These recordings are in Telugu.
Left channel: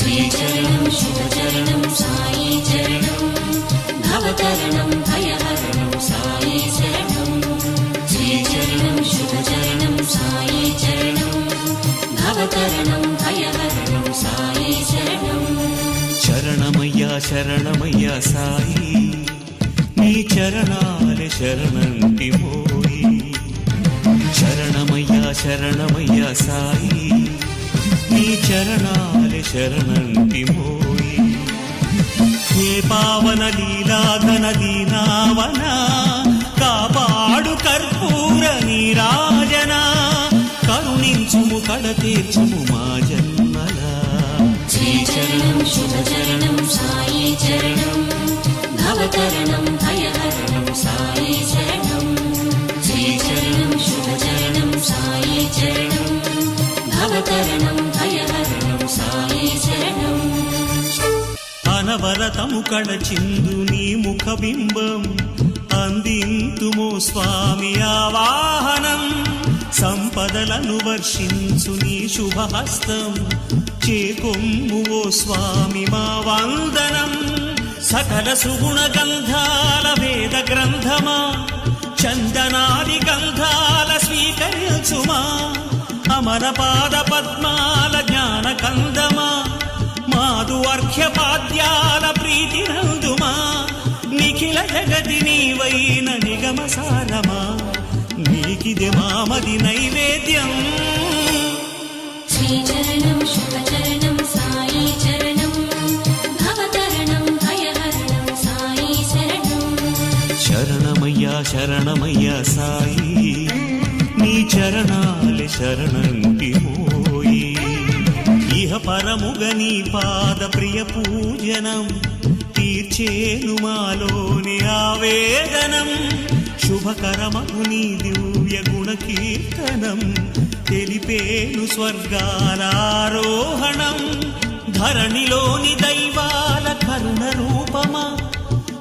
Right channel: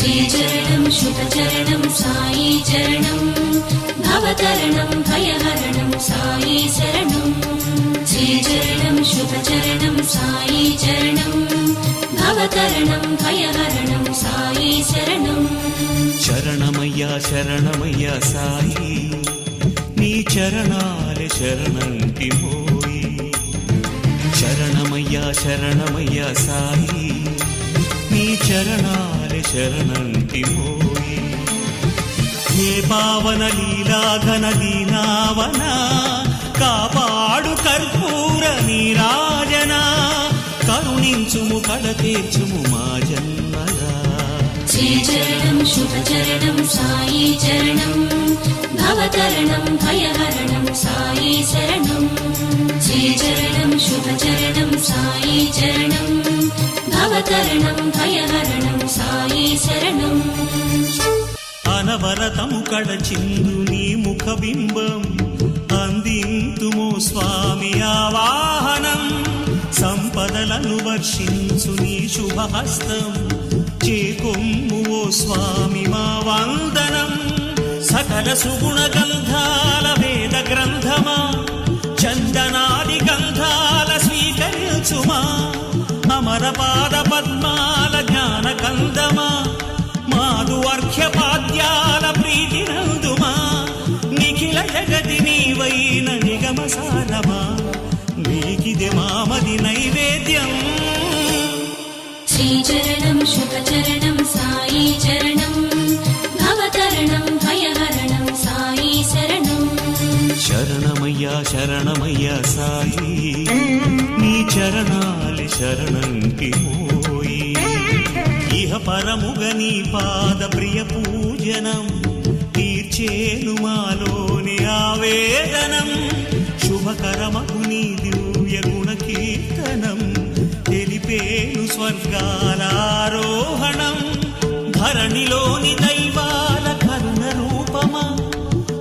శ్రీచరణం శుభచరణం సాయి చరణం భవతరణం భయహరణం సాయి శరణం శ్రీచరణం శుభచరణం సాయి చరణం భవతరణం భయహరణం సాయి శరణం శరణమయ్యా శరణమయ్యా సాయి నీ చరణాలే శరణంటి మోయి శరణమయ్యా శరణమయ్యా సాయి నీ చరణాలే శరణంటి మోయి హే పావన లీలాఘన దీనావన కాపాడు కర్పూర నీరాజన కరుణించుము కడతీర్చుము మా జన్మలా శ్రీచరణం శుభచరణం సాయి చరణం భవతరణం భయహరణం సాయి శరణం శ్రీచరణం శుభచరణం సాయి చరణం భవతరణం భయహరణం సాయి శరణం అనవరతము కడచిందు నీ ముఖబింబం అందింతుము స్వామి ఆవాహనం సంపదలను వర్షించు నీ శుభహస్తం చేకొమ్ము ఓ స్వామి మా వందనం సకల సుగుణ గంధాల వేద గ్రంథమా చందనాది గంధాల స్వీకరించుమా అమర పాద పద్మాల జ్ఞాన కందమా మాధు అర్ఘ్యపాద్యాల ప్రీతి నందుమా నిఖిల జగతి నీవైన నిగమ సారమా నీకిదే మామది నైవేద్యం శ్రీచరణం శుభచరణం సాయి చరణం భవతరణం భయహరణం సాయి శరణం శరణమయ్యా శరణమయ్యా సాయి నీ చరణాలి శరణంటి మోయి ఇహ పరముగ నీ పాద ప్రియ పూజనం తీర్చేను మాలోని ఆవేదనం శుభకరమగు నీ దివ్య గుణ కీర్తనం తెలిపేను స్వర్గాల ఆరోహణం ధరణిలోని దైవాల కరుణ రూపమా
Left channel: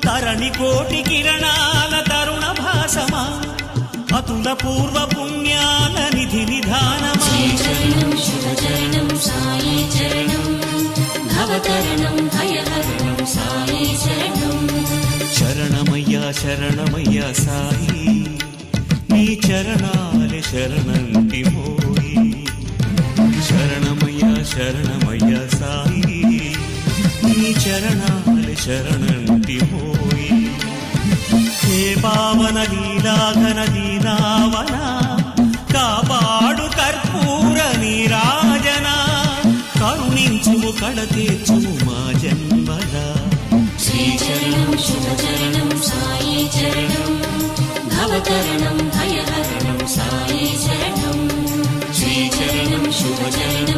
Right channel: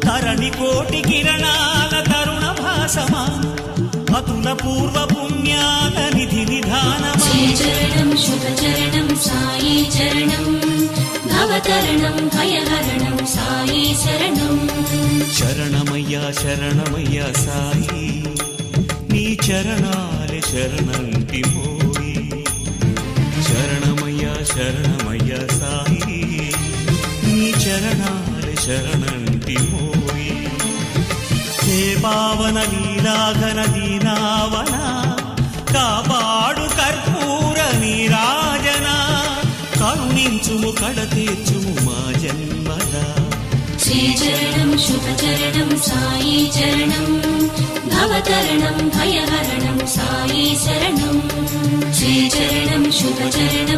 తరణి కోటి కిరణాల తరుణ భాసమా అతుల పూర్వ పుణ్యాల నిధి నిధానమా శ్రీచరణం శుభచరణం సాయి చరణం భవతరణం భయహరణం సాయి శరణం శరణమయ్యా శరణమయ్యా సాయి నీ చరణాలే శరణంటి మోయి శరణమయ్యా శరణమయ్యా సాయి నీ చరణాలే శరణంటి మోయి హే పావన లీలాఘన దీనావన కాపాడు కర్పూర నీరాజన కరుణించుము కడతీర్చుము మా జన్మలా శ్రీచరణం శుభచరణం సాయి చరణం భవతరణం భయహరణం సాయి శరణం శ్రీచరణం శుభచరణం